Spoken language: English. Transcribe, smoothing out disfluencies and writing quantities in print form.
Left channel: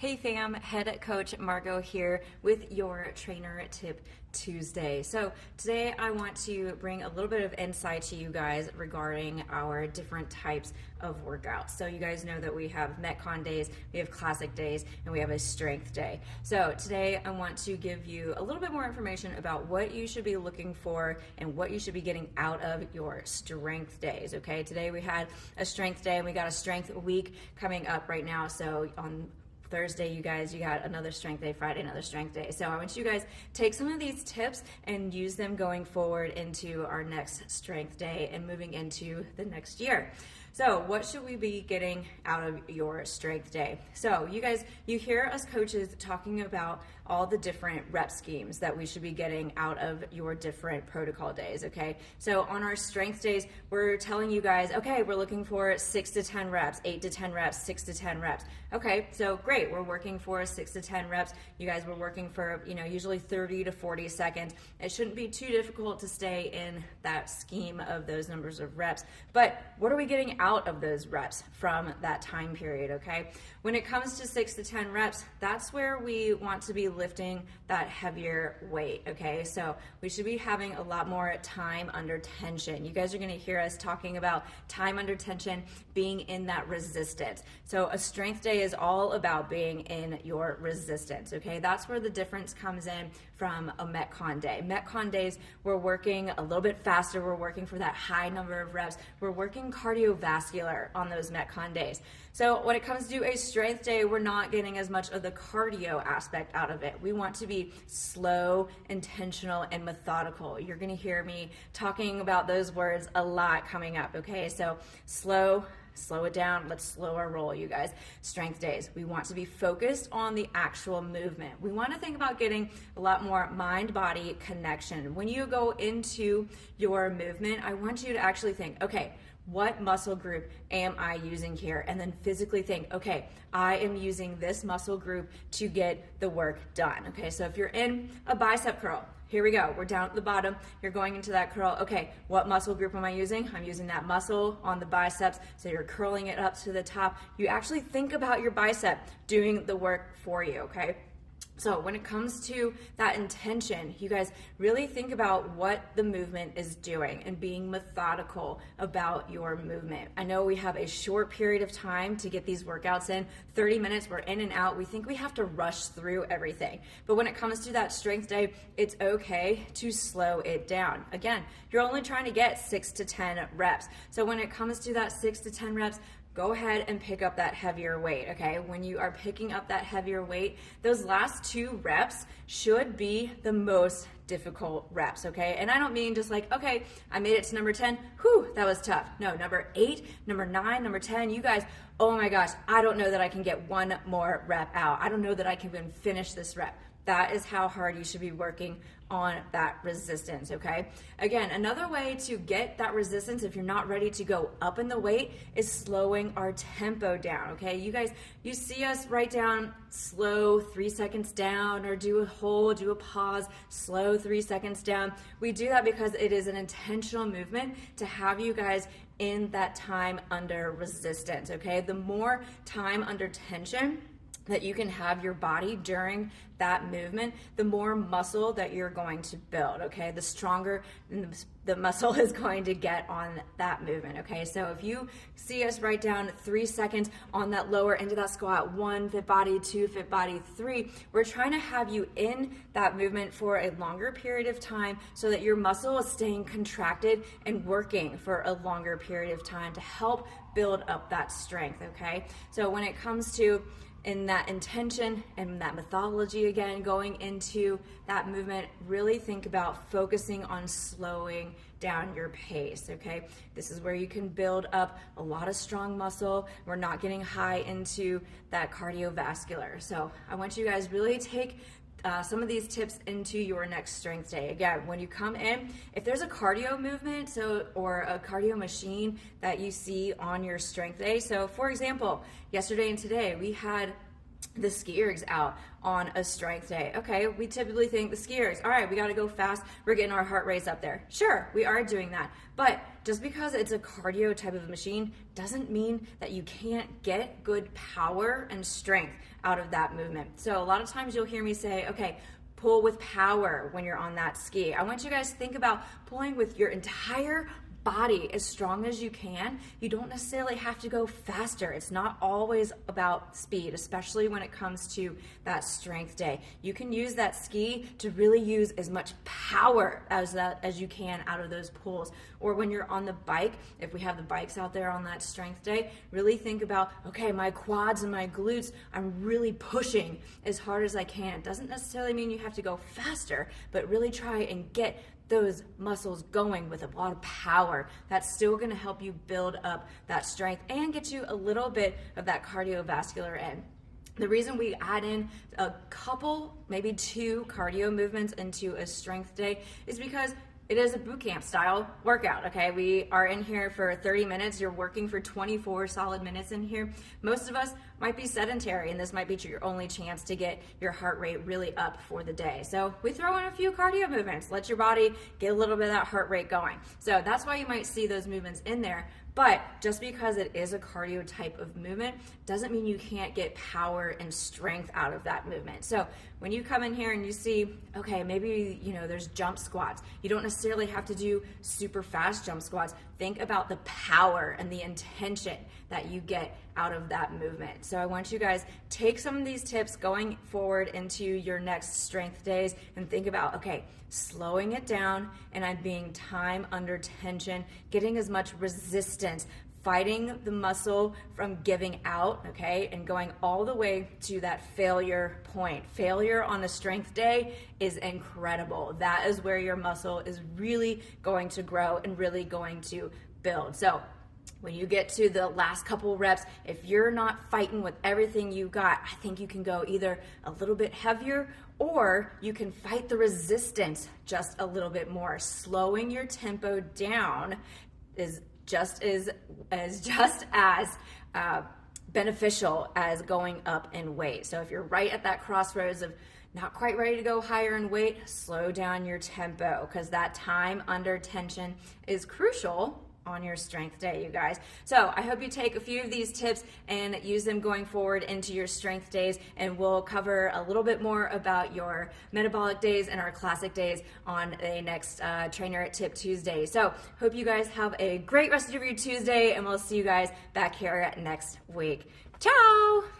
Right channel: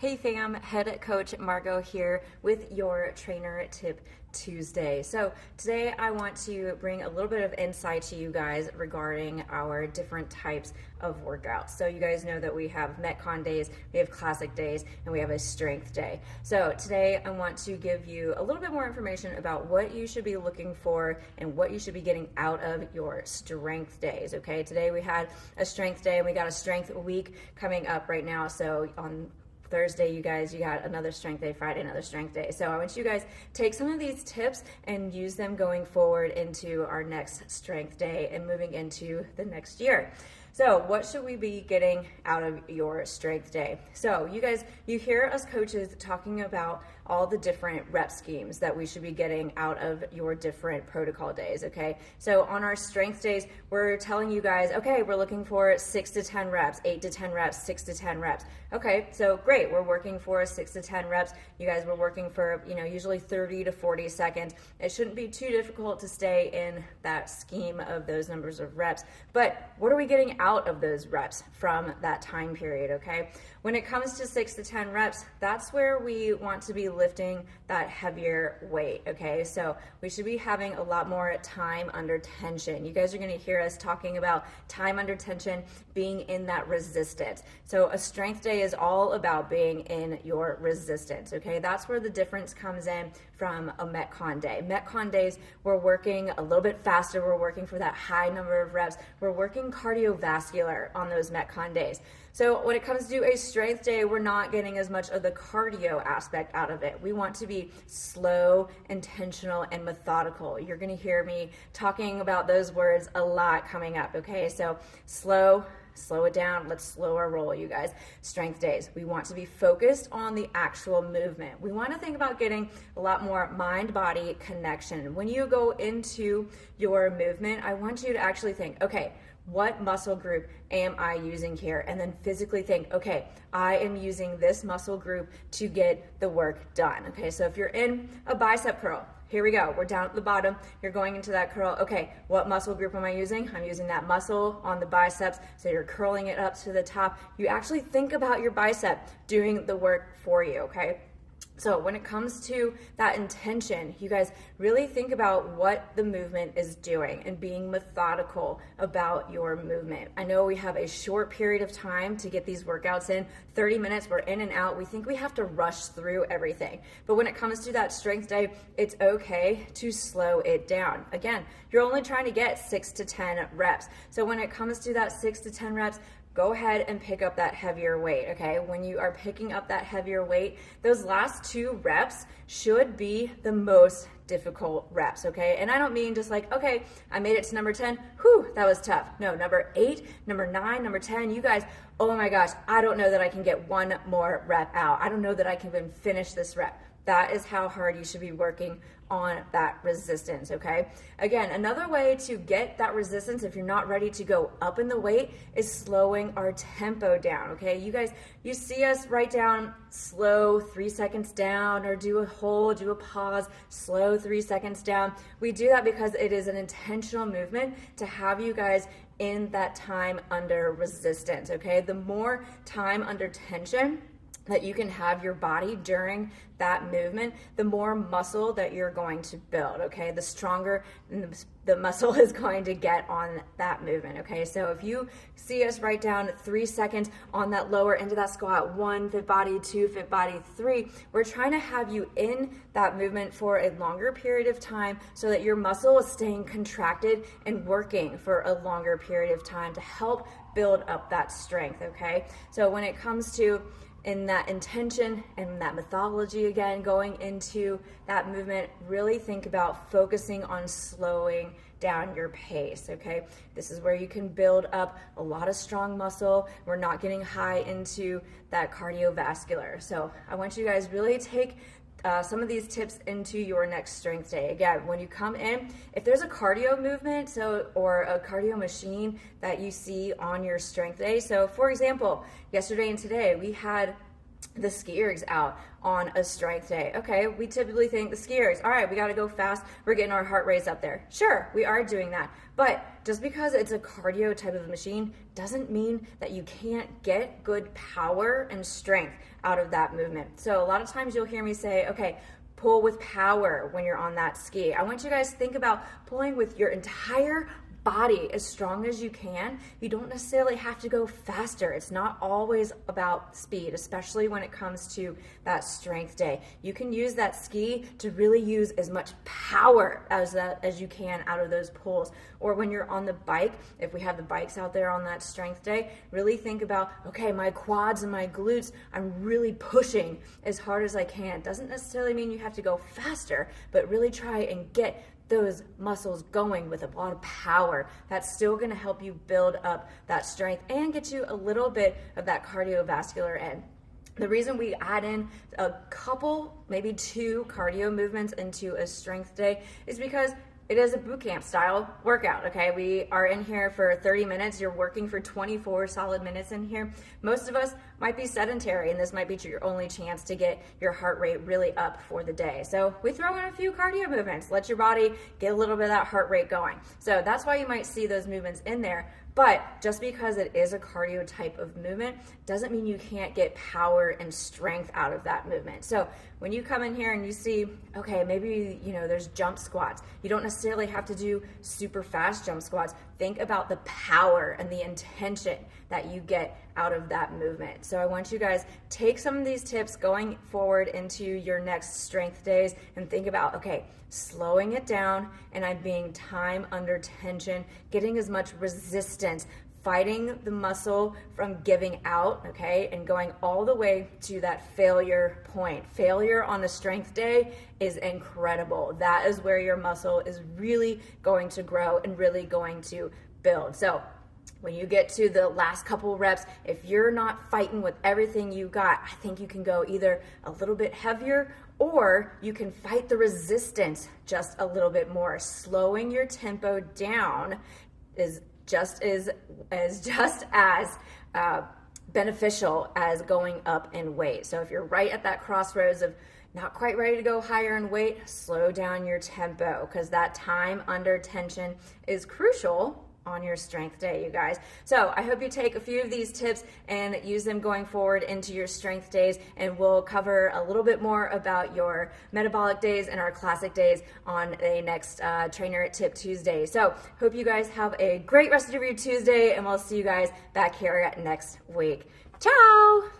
Hey fam, head coach Margot here with your trainer tip Tuesday. So today I want to bring a little bit of insight to you guys regarding our different types of workouts. So you guys know that we have Metcon days, we have classic days, and we have a strength day. So today I want to give you a little bit more information about what you should be looking for and what you should be getting out of your strength days. Okay, today we had a strength day, we got a strength week coming up right now. So on Thursday, you got another strength day, Friday, another strength day. So I want you guys take some of these tips and use them going forward into our next strength day and moving into the next year. So what should we be getting out of your strength day? So you hear us coaches talking about all the different rep schemes that we should be getting out of your different protocol days, okay? So on our strength days, we're telling you guys, okay, we're looking for 6 to 10 reps, 8 to 10 reps, 6 to 10 reps. Okay, so great, we're working for 6 to 10 reps. You guys were working for, usually 30 to 40 seconds. It shouldn't be too difficult to stay in that scheme of those numbers of reps. But what are we getting out of those reps from that time period, okay? When it comes to 6 to 10 reps, that's where we want to be lifting that heavier weight, okay? So we should be having a lot more time under tension. You guys are gonna hear us talking about time under tension, being in that resistance. So a strength day is all about being in your resistance, okay? That's where the difference comes in from a Metcon day. Metcon days, we're working a little bit faster. We're working for that high number of reps. We're working cardiovascular on those Metcon days. So when it comes to a strength day, we're not getting as much of the cardio aspect out of it. We want to be slow, intentional, and methodical. You're going to hear me talking about those words a lot coming up, okay? So slow it down. Let's slow our roll, you guys. Strength days, we want to be focused on the actual movement. We want to think about getting a lot more mind-body connection. When you go into your movement, I want you to actually think, okay, what muscle group am I using here? And then physically think, okay, I am using this muscle group to get the work done. Okay, so if you're in a bicep curl, here we go. We're down at the bottom. You're going into that curl. Okay, what muscle group am I using? I'm using that muscle on the biceps. So you're curling it up to the top. You actually think about your bicep doing the work for you, okay? So when it comes to that intention, you guys really think about what the movement is doing and being methodical about your movement. I know we have a short period of time to get these workouts in. 30 minutes, we're in and out. We think we have to rush through everything. But when it comes to that strength day, it's okay to slow it down. Again, you're only trying to get 6 to 10 reps. So when it comes to that 6 to 10 reps, go ahead and pick up that heavier weight, okay? When you are picking up that heavier weight, those last 2 reps should be the most difficult reps, okay? And I don't mean just like, okay, I made it to number 10, whew, that was tough. No, number 8, number 9, number 10, you guys, oh my gosh, I don't know that I can get one more rep out. I don't know that I can even finish this rep. That is how hard you should be working on that resistance, okay? Again, another way to get that resistance if you're not ready to go up in the weight is slowing our tempo down, okay? You guys, you see us write down slow 3 seconds down or do a hold, do a pause, slow 3 seconds down. We do that because it is an intentional movement to have you guys in that time under resistance, okay? The more time under tension that you can have your body during that movement, the more muscle that you're going to build, okay? The stronger the muscle is going to get on that movement, okay? So if you see us write down 3 seconds on that lower end of that squat, 1 fit body, 2 fit body, 3, we're trying to have you in that movement for a longer period of time so that your muscle is staying contracted and working for a longer period of time to help build up that strength, okay? So when it comes to in that intention and that methodology, again, going into that movement, really think about focusing on slowing down your pace, okay? This is where you can build up a lot of strong muscle. We're not getting high into that cardiovascular. So I want you guys really take some of these tips into your next strength day. Again, when you come in, if there's a cardio movement or a cardio machine that you see on your strength day, so for example, yesterday and today we had the ski ergs out on a strength day. Okay, we typically think the ski ergs, all right, we got to go fast. We're getting our heart rates up there. Sure, we are doing that. But just because it's a cardio type of machine doesn't mean that you can't get good power and strength out of that movement. So a lot of times you'll hear me say, okay, pull with power when you're on that ski. I want you guys to think about pulling with your entire body as strong as you can. You don't necessarily have to go faster. It's not always about speed, especially when it comes to that strength day. You can use that ski to really use as much power as you can out of those pulls. Or when you're on the bike, if we have the bikes out there on that strength day, really think about, okay, my quads and my glutes, I'm really pushing as hard as I can. Doesn't necessarily mean you have to go faster, but really try and get those muscles going with a lot of power. That's still going to help you build up that strength and get you a little bit of that cardiovascular end. The reason we add in a couple, maybe 2 cardio movements into a strength day is because it is a boot camp style workout, okay? We are in here for 30 minutes. You're working for 24 solid minutes in here. Most of us might be sedentary, and this might be your only chance to get your heart rate really up for the day. So we throw in a few cardio movements, let your body get a little bit of that heart rate going. So that's why you might see those movements in there. But just because it is a cardio type of movement doesn't mean you can't get power and strength out of that movement. So when you come in here and you see, okay, maybe, there's jump squats. You don't necessarily have to do super fast jump squats. Think about the power and the intention that you get out of that movement. So I want you guys take some of these tips going forward into your next strength days and think about, okay, slowing it down and I'm being time under tension, getting as much resistance, fighting the muscle from giving out, okay, and going all the way to that failure point. Failure on a strength day is incredible. That is where your muscle is really going to grow and really going to build. So when you get to the last couple reps, if you're not fighting with everything you got, I think you can go either a little bit heavier or you can fight the resistance just a little bit more. Slowing your tempo down is just as beneficial as going up in weight. So if you're right at that crossroads of not quite ready to go higher in weight, slow down your tempo, because that time under tension is crucial on your strength day, you guys. So I hope you take a few of these tips and use them going forward into your strength days, and we'll cover a little bit more about your metabolic days and our classic days on the next Trainer Tip Tuesday. So hope you guys have a great rest of your Tuesday, and we'll see you guys back here next week. Ciao!